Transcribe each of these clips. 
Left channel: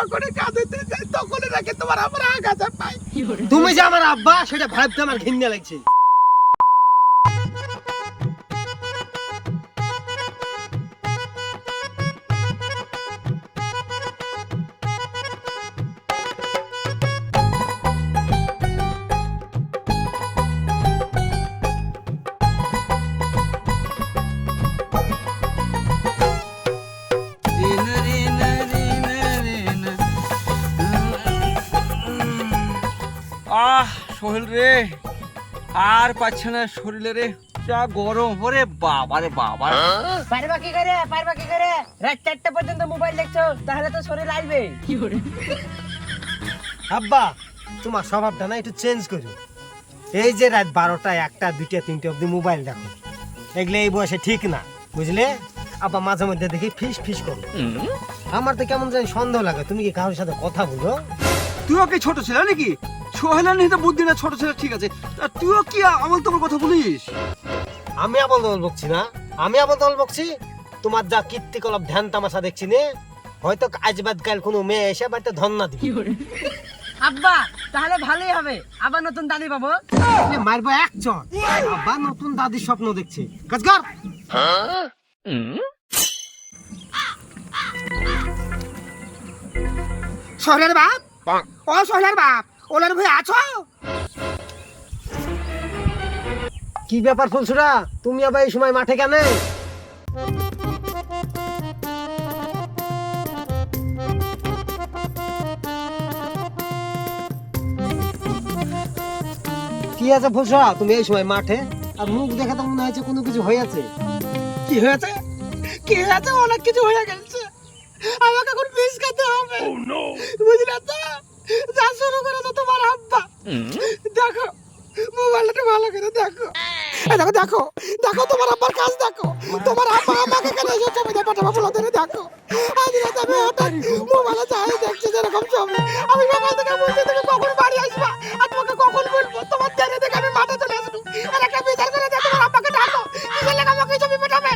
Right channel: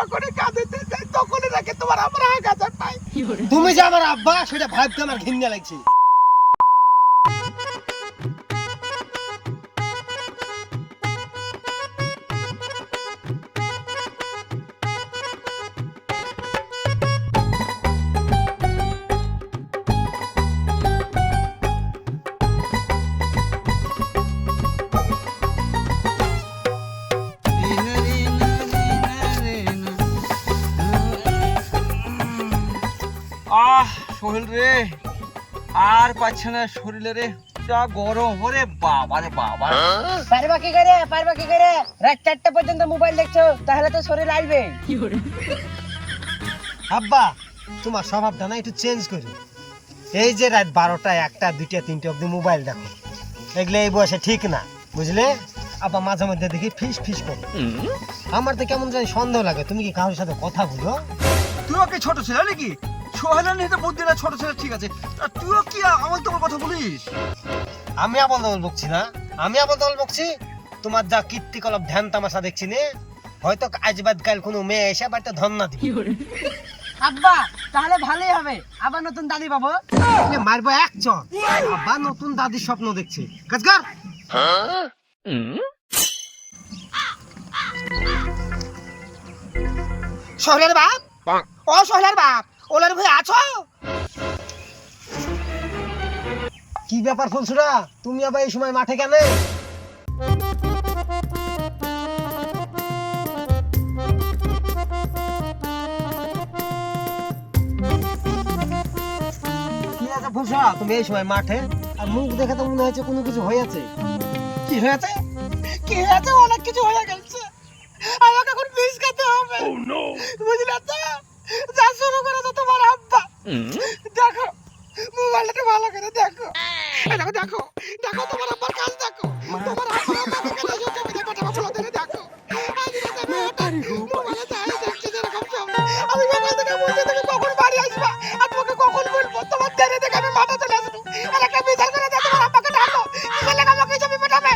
যখনই কাঁদতে যাই তখনই নাকি তোমার আমার আঘাত পাই। তুমি যে আমার আব্বা সেটা ভাবতে আমার ঘৃণা লাগছে। সোহেল রে আর পাচ্ছে না শরীরে রে, যা গরম। ওরে বাবা রে বাবা, পারবা কি করে রাত 4টা পর্যন্ত মোবাইল দেখছো, তাহলে তো শরীর আইবে। আব্বা তোমার স্বভাবটা না একটু চেঞ্জ করো। এই যে রাত 12টা 1টা 2টা 3টা অবধি মোবাইল দেখো, এগুলো এই বয়সে ঠিক না, বুঝলে? আব্বা মাঝে মধ্যে দেখি ফিস ফিস করো। আমার তো কেমন জানি সন্দেহ লাগে, তুমি কি কারোর সাথে কথা বলো? তুইও কি ছোট ছেলে নাকি? সোহেলের নিতে বুদ্ধি না, ছোট ছেলে ঠিক আছে, আর তুইও কি আমল তোমার কথা বলিস? আমি আবল দল বকছি না, আমি আবল দল বকছি। তোমার যা কীর্তিকলাপ ধ্যান তামাশা দেখছি নে, হয়তো আজ বাদ কাল কোনো মেয়ে এসে বাড়িতে ধন্না দিবে। আব্বা তাহলে ভালোই হবে, আবার নতুন দাদি পাবো। মারবো এক চর। আব্বা নতুন দাদির স্বপ্ন দেখছে, কাজ কর। শহরের বাপ, ও শহরের বাপ, ওলার ভাই আছো? কি ব্যাপার ফুলসুরা, তুমি আবার এই সময় মাঠে কেন? কি আছে ফুলসুরা, তুমি এই সময় মাঠে? আর মুখ দেখে তো মনে হচ্ছে কোনো কিছু হয়েছে। কি হয়েছে? কি হয়েছে? অনেক কিছু হয়ে গেছে, আমাকে এখন বিষ খেতে হবে। বুঝলে তো, যা শুরু করে তো তোমার আব্বা। দেখো মোবাইলটা ভালো করে দেখো, এই দেখো দেখো দেখো তোমার আব্বার কাজ দেখো। তোমার আব্বা আমাকে কেন এই ছবিটা পাঠাবো বলো ধরে দেখো। মোবাইলে যাই দেখছি যেরকম ছবি, আমি মোবাইল থেকে বলছি তুমি কখন বাড়ি আসবা আর তোমাকে কখন বলবো। তোমার দেরি দেখে আমি মাঠে চলে আসবো, আর একটা বিচার করে দিয়ে তোমার আব্বাকে ডাকো। কিসের লেগে আমাকে এই ছবি পাঠাবে?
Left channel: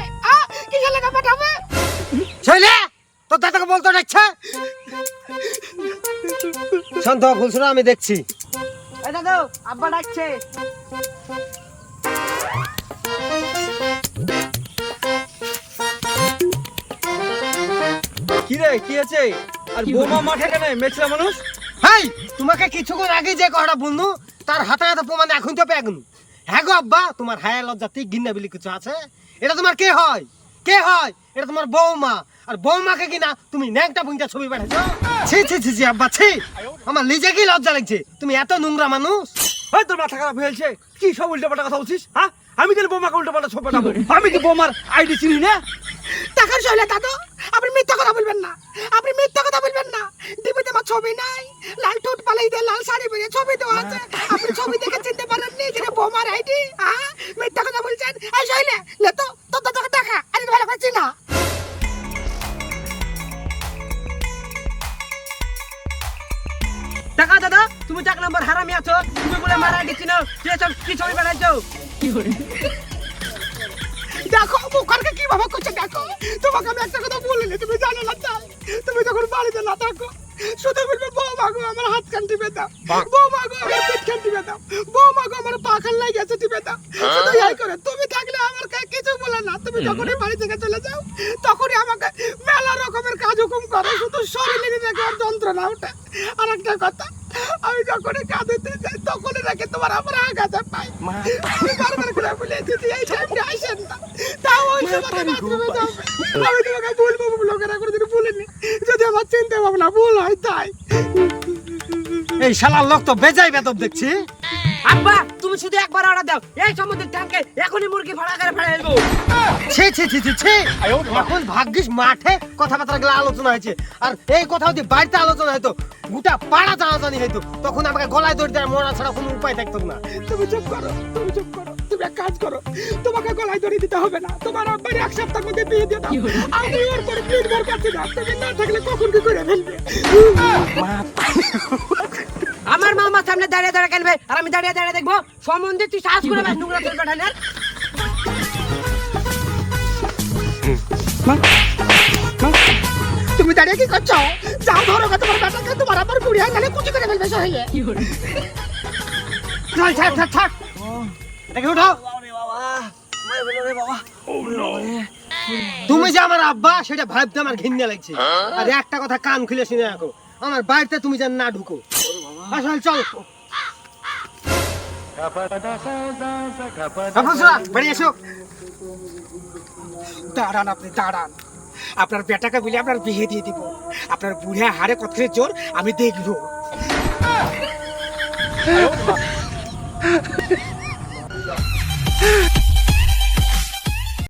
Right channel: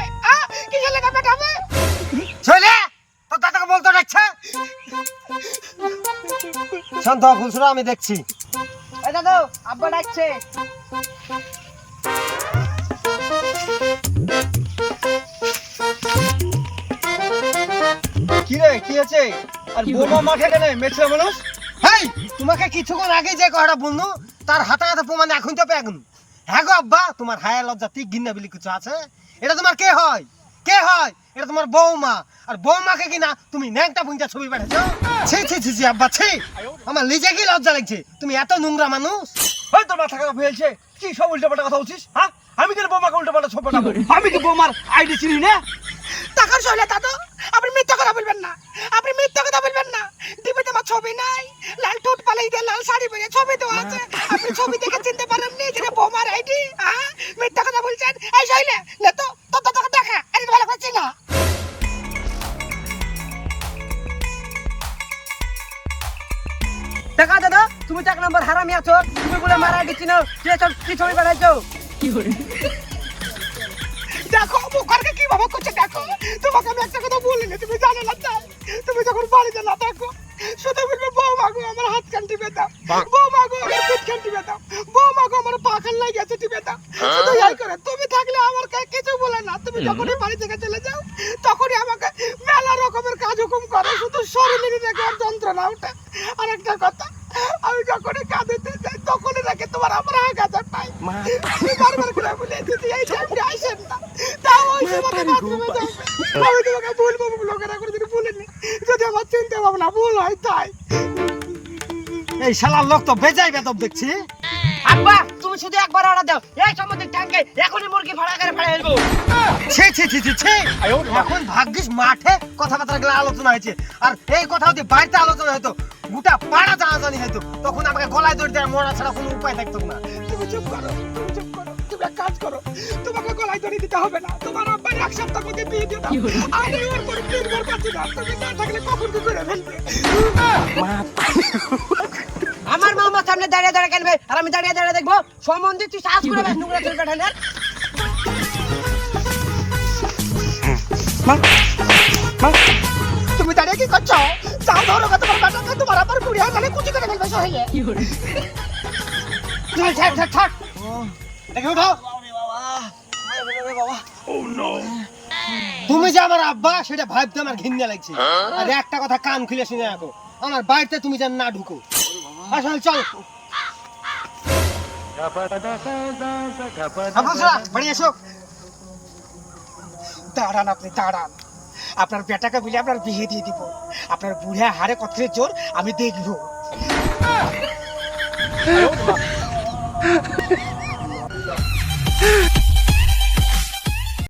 কিসের লেগে পাঠাবে? ছেলে তোর দাদাকে বলতো ডাকছে। শান্ত হ ফুলসুরা, আমি দেখছি। এই দাদু, আব্বা ডাকছে। কি রে, কি আছে? আর বোমা মাঠে কেন? মেছলা মানুষ। হেই, তোমাকে কিছুক্ষণ আগে যে কথাটা বলনু তার হাতে হাতে প্রমাণ এখন তো পেগুন। হ্যাঁ গো আব্বা, তোমার হায়া লজ্জা ঠিক ঘিন্না বলি কিছু আছে? এটা তোমার কে হয়? কে হয়? এটা তোমার বৌমা। আর বৌমাকে কিনা তুমি ন্যাংটা পুংটা ছবি পাঠাচ্ছো। ছি ছি ছি ছি আব্বা ছি, আমার নিজে কি লজ্জা লাগছে। তুমি এত নোংরা মানুষ। ওই তোর মাথা খারাপ হয়েছে, কি সব উল্টোপাল্টা কথা বলছিস? হ্যাঁ, আমি কেন বোমাকে উল্টোপাল্টা ছবি পাঠাবো? আমি কি বোমার আইডি চিনি না? টাকার শৈলে দাদু, আপনি মিথ্যা কথা বলবেন না, আপনি মিথ্যা কথা বলবেন না। টিভিতে আমার ছবি নাই, লাল ঠোঁট পালাই দিয়ে লাল শাড়ি পরে ছবি তো আছে। আপনি ছবি দেখে চিনতে পারেননি যেটা বোমার আইডি? মিথ্যা কথা বলছেন। এই শৈলে লে তো তোর দাদাকে দেখা, আরে ভালো করে চিনা। টাকা দাদা, তুমি 1 নম্বর হারামি আছো, তুমি বলে মারা দিচ্ছি না, কি ছবি বানাইছো? দেখো মুখারকে কিভাবে করছে দেখো। তোমাকে আমি একটা কথা বলিনি, তুমি জানো না তাই? তুমি যখন বাড়িতে না থাকো শুধু বলবে বৌমা গো আমার হাত কান টিপে দাও, বৌমা গো আমার পেট কান টিপে দাও, বৌমা গো আমার পা কান লাগে গেছে টিপে দাও। শুধু এই করে। তুমি থাকলে আমার কিছু বলে না। তুমি যখনই বাড়ি থেকে চলে যাও তখনই আমাকে মেলা রকমের কাজ হুকুম করো, শুধু শরীরের রেখে আর যন্ত্রণা ওঠে। আর একটা কথা, আমি যখনই কাঁদতে যাই তখনই নাকি তোমার আমার আঘাত পাই। আমি বারবার করে বলেছি যে এই টাইমটা আইসেন না, তাও ওই সময় বাথরুমে যাবে। আমি তোমাকে বলবো লোকেরা করে যদি বলিনি, যদি আমার চিন্তা ভাবনা ভুল হয় তাই। এই শালার লোক তো বেজাই বেদব দেখছি। আব্বা তুমি শুধু একবার অর্ডার দাও, এই সমুদ্রের ট্যাঙ্কে এখনই মুরগি ভাড়া করে ফেলে দেবো। ছি ছি ছি ছি ছি, এখন ভাগ্যিস মাঠে কথাবার্তা গুলো আলোচনা হয়েছে। আর এই কথা যদি বাড়িতে আলোচনা হতো, গোটা পাড়া জানাজানি হতো, তখন আমাকে গলায় দড়ি দেওয়ার মরা ছাড়া কোনো উপায় থাকতো না। তুমি চুপ করো, তুমি চুপ করো। তুমি এক কাজ করো, তোমাকে গলায় দড়ি দিতে হবে না। তোমার আব্বার 1 সপ্তাহের মধ্যে বিয়ে দিয়ে দাও। আমি ওর পরে নির্ভর করছি না। তুমি না থাকলে কখন কি করে ফেলবে? আমার মামার সামনে দাঁড়িয়ে দাঁড়িয়ে খেলবে আর আমি দাঁড়িয়ে দাঁড়িয়ে দেখবো? সম্বন্ধে তুই সাহস করে ব্যাস নোংরা চলবে ঠান্ডার। তুমি দাঁড়িয়ে কি করছো? যাও ধরো গো তোমার বেটাকে, তোমার আবার বুড়িয়া মানে কুচি করে ফেলবে সহিলে। চল থাক থাক থাক একে উঠাও। তুমি যে আমার আব্বা সেটা ভাবতে আমার ঘৃণা লাগছে। আর একটা কথা কান খুলে শুনে রাখো, আমার বাড়িতে তুমি যেন না ঢুকো। আসলে চল বাড়ি এসো। দাঁড়ান আপনি দাঁড়ান, আপনার বেটাকে বলে আপনার বিয়ে দিয়ে দিব। আপনার বুড়িয়া হারে কত জোর আমি দেখবো।